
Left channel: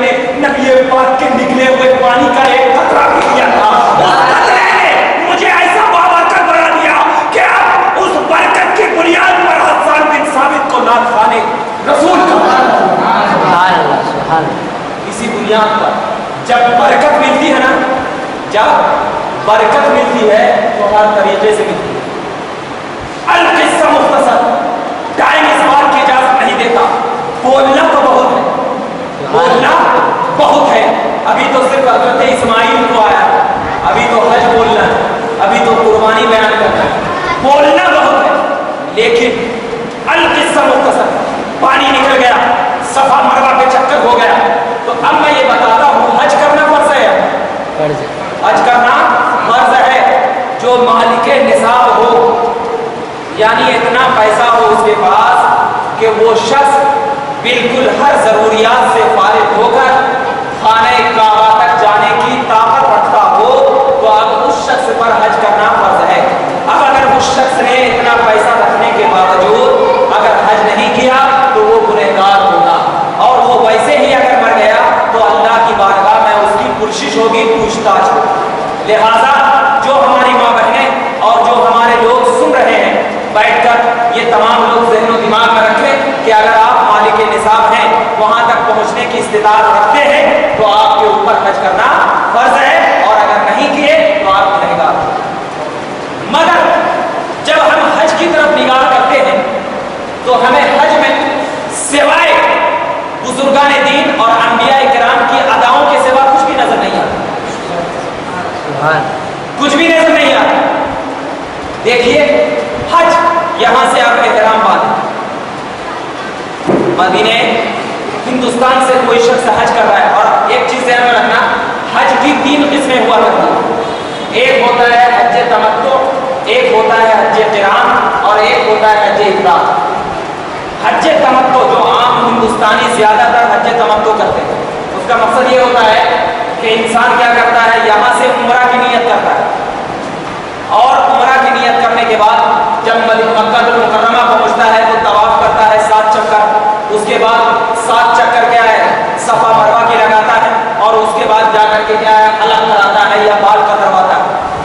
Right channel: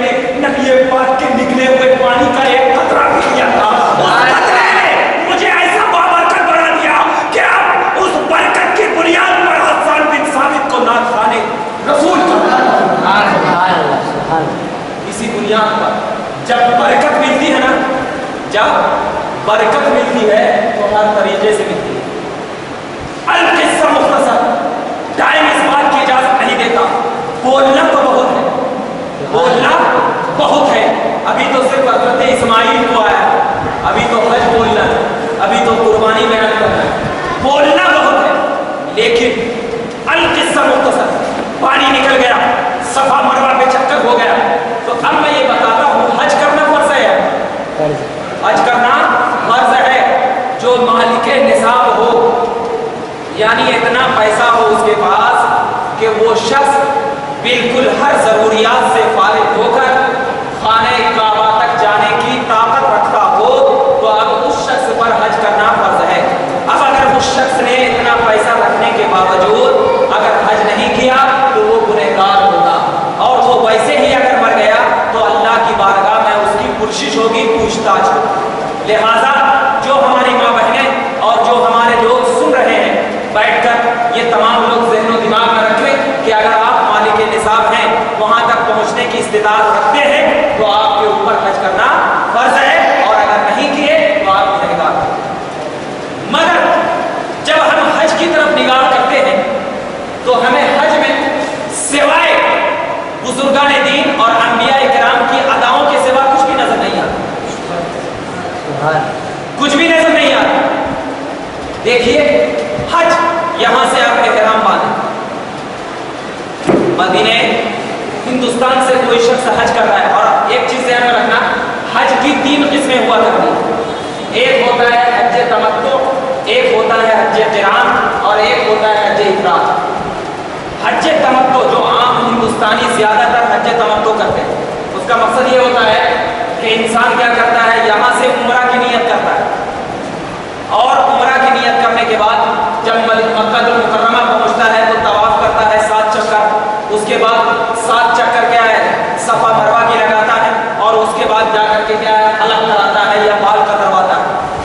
نے نبی پاک کے نکلے ہوئے پانی کا ایک قطرہ پی لیا تھا، اس قطرے نے مجھے ایسا بابرکت بنا دیا کہ اب اس برکت کی بنیاد پر حسان بن ثابت کو نعت خوان رسول کا اسی بنیاد پر جب برکت ملتی ہے نا، جب برکت ملتی ہے تو ہر طریقے سے ملتی ہے۔ القصہ مختصر، ٹائم اس بات کی اجازت نہیں دیتا، بولنا تو بہت ہے، بولنا بہت ہے۔ ابھی تو صرف حضرت اسماعیل کو آیا، ابھی تو حج بولنا ہے، ابھی تو قربانی بیان کرنا ہے، بولنا بہت ہے، لیکن القصہ مختصر، پانی نکل گیا، صفا مروہ پہ چکر ہو گیا، تو اب میں یہ بتاتا ہوں حج کرنا فرض ہے، حج کرنا فرض ہے۔ جو مالک نصاب ہو، یعنی اتنا پیسہ ہو اس کے پاس کہ وہ شخص بالکل ہر ضروریات سے فارغ ہو کر خانہ کعبہ تک جانے کی طاقت رکھتا ہو، تو اب اس شخص پر حج کرنا فرض ہے۔ اب اگر اس شخص نے اتنا پیسہ رکھنے کے باوجود اگر حج نہیں کیا تو وہ گنہگار ہوگا، اور وہ ویسے ہی اگر مر گیا تو اللہ کی بارگاہ میں اس کی پرسش ہوگی، پوچھ تاچھ ہوگی۔ لہٰذا جو ہماری ماں بہنیں اور جو ہمارے لوگ سن رہے ہیں، بیٹھ کر یہ تمام لوگ ذہن و دماغ میں رکھیں کہ اگر آپ مالک نصاب ہیں، وہاں تک پہنچنے کی استطاعت رکھتے ہیں، تو آپ کے اوپر حج کرنا فرض ہے، اور اگر نہیں کیے تو آپ گنہگار ہیں۔ مگر جب ہم حج کی طرف نگاہ کرتے ہیں تو ہمیں حج میں سوائے بزرگان دین اور انبیاء کرام کی اداؤں کے سوا کچھ بھی نظر نہیں آتا، کچھ بھی نظر نہیں آتا۔ دیکھیے حج، یہاں سے آپ احرام باندھیں، مدینے ہندوستان سے کوئی شخص حج کر رہا ہے، اور ایک چیز ذہن میں رکھنا، حج کی 3 قسمیں ہوا کرتی ہیں، ایک ہوتا ہے حج تمتع، ایک ہوتا ہے حج قران، اور ایک ہوتا ہے حج افراد۔ حج تمتع جو عام ہندوستانی زیادہ تر حج تمتع کرتے ہیں، اس کا مقصد یہ ہوتا ہے کہ انسان کیا کرتا ہے، یہاں سے عمرہ کی نیت کرتا ہے، اور عمرہ کی نیت کرنے کے بعد جب مکہ المکرمہ پہنچتا ہے تو طواف کرتا ہے 7 چکر، اس کے بعد 7 چکر کیا ہے، صفا مروہ کی لگاتا ہے، اور اس کے بعد جا کر کے کیا ہے، حلق کراتا ہے یا بال کترواتا ہے۔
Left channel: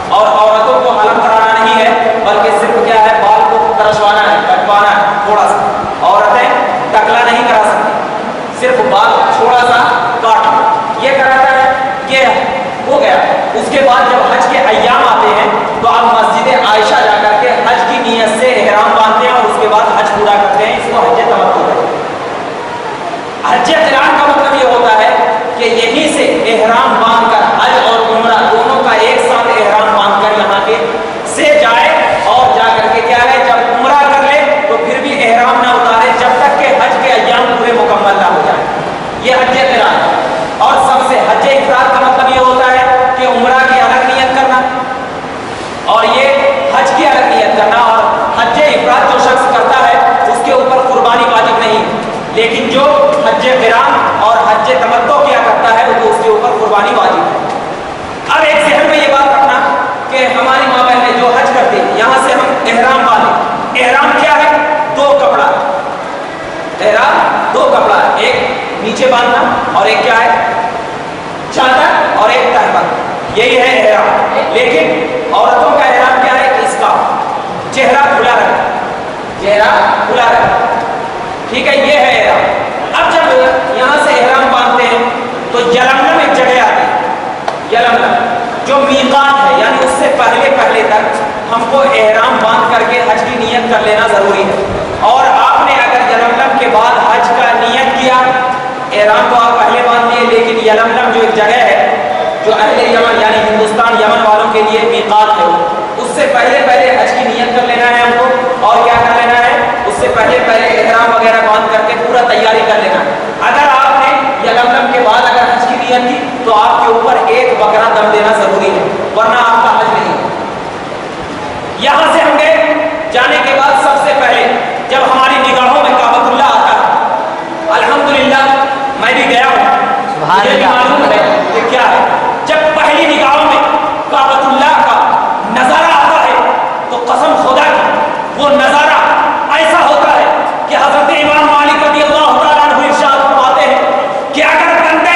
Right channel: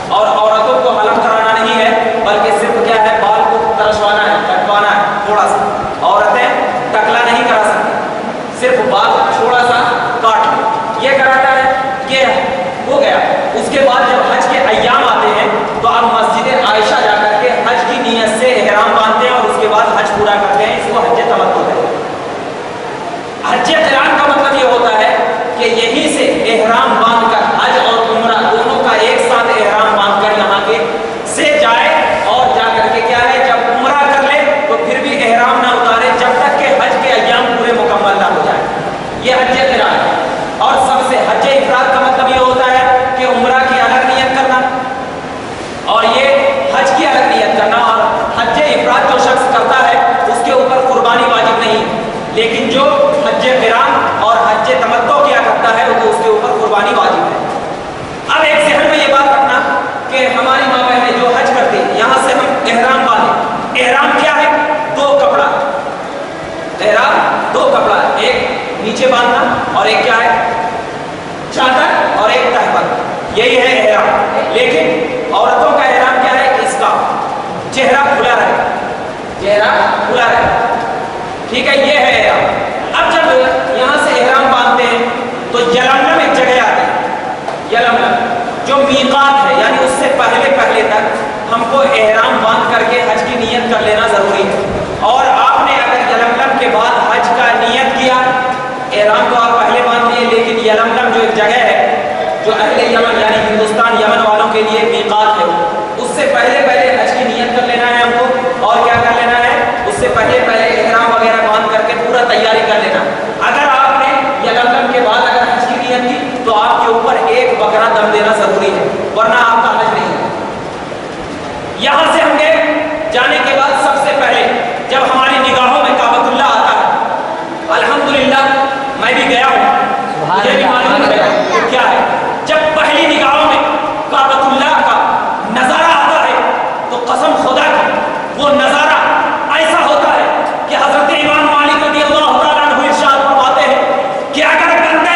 اور عورتوں کو حلق کرانا نہیں ہے، بلکہ صرف کیا ہے، بال کو ترشوانا ہے، کٹوانا ہے تھوڑا سا، عورتیں ٹکلا نہیں کرا سکتی، صرف بال تھوڑا سا کاٹ یہ کراتا ہے، یہ ہو گیا۔ اس کے بعد جب حج کے ایام آتے ہیں تو آپ مسجد عائشہ جا کر کے حج کی نیت سے احرام باندھتے ہیں، اور اس کے بعد حج پورا کرتے ہیں، اس کو حج تمتع کہتے ہیں۔ حج قران کا مطلب یہ ہوتا ہے کہ یہیں سے احرام باندھ کر حج اور عمرہ دونوں کا ایک ساتھ احرام باندھ کر یہاں کے سے جائے، اور جا کر کے کیا ہے، جب عمرہ کر لے تو پھر بھی احرام نہ اتارے جب تک کہ حج کے ایام پورے مکمل نہ ہو جائے، یہ حج قران ہے۔ اور سب سے حج افراد کا مطلب یہ ہوتا ہے کہ عمرہ کی الگ نیت کرنا، اور یہ حج کی الگ نیت کرنا، اور حج افراد جو شخص کرتا ہے اس کے اوپر قربانی واجب نہیں، لیکن جو حج قران اور حج تمتع کیا کرتا ہے تو اس کے اوپر قربانی واجب ہے۔ اب ایک ذہن میں یہ بات رکھنا کہ ہماری ماں بہنیں جو حج کرتی ہیں، یہاں سے ہم احرام باندھیں، احرام کیا ہے، 2 کپڑا، احرام 2 کپڑا، ایک نیچے باندھنا اور ایک کیا ہے، چادر اور ایک تہبند، یہی ہے احرام۔ لیکن عورتوں کا احرام کیا ہے، اس کا چہرہ کھلا رہے، چہرہ کھلا رہے، ٹھیک ہے، یہ ہے احرام۔ اب جب یہاں سے احرام باندھتے ہیں تو یلملم ایک جگہ آتی ہے، یلملم جو میقات ہے، یعنی اس سے پہلے تک ہم کو احرام باندھ کر کے حج کی نیت کر لینا ضروری ہے۔ اور آپ نے اگر یلملم کے بعد حج کا نیت کیا، احرام تو آپ پہلے باندھ لیے، لیکن یلملم جو ایک جگہ ہے جو اہل یمن یعنی ہندوستان یمن والوں کے لیے میقات ہے، اس سے پہلے حج کی نیت کر لینا ہے ہم کو، اور کیا کر لینا ہے، اس سے پہلے احرام وغیرہ باندھ کر کے پورا تیاری کر لینا۔ اگر آپ نے یلملم کے بعد اگر حج کی نیت کی تو آپ کے اوپر ایک بکرا دم دینا ضروری ہے، ورنہ آپ کا حج نہیں ہے۔ یہاں سے ہم گئے، جانے کے بعد سب سے پہلے جب ہماری نگاہوں میں کعبۃ اللہ آتا ہے، الحمدللہ میں بھی گیا ہوں، مجھے بھی معلوم ہے کہ کیا ہے، جب پہلی نگاہوں میں کعبۃ اللہ کا نظارہ آتا ہے تو قسم خدا کی وہ نظارہ ایسا ہوتا ہے کہ حضرت امام مالک رضی اللہ تعالیٰ عنہ ارشاد فرماتے ہیں کہ اگر بندے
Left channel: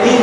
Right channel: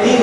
3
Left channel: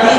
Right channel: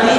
3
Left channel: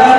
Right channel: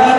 3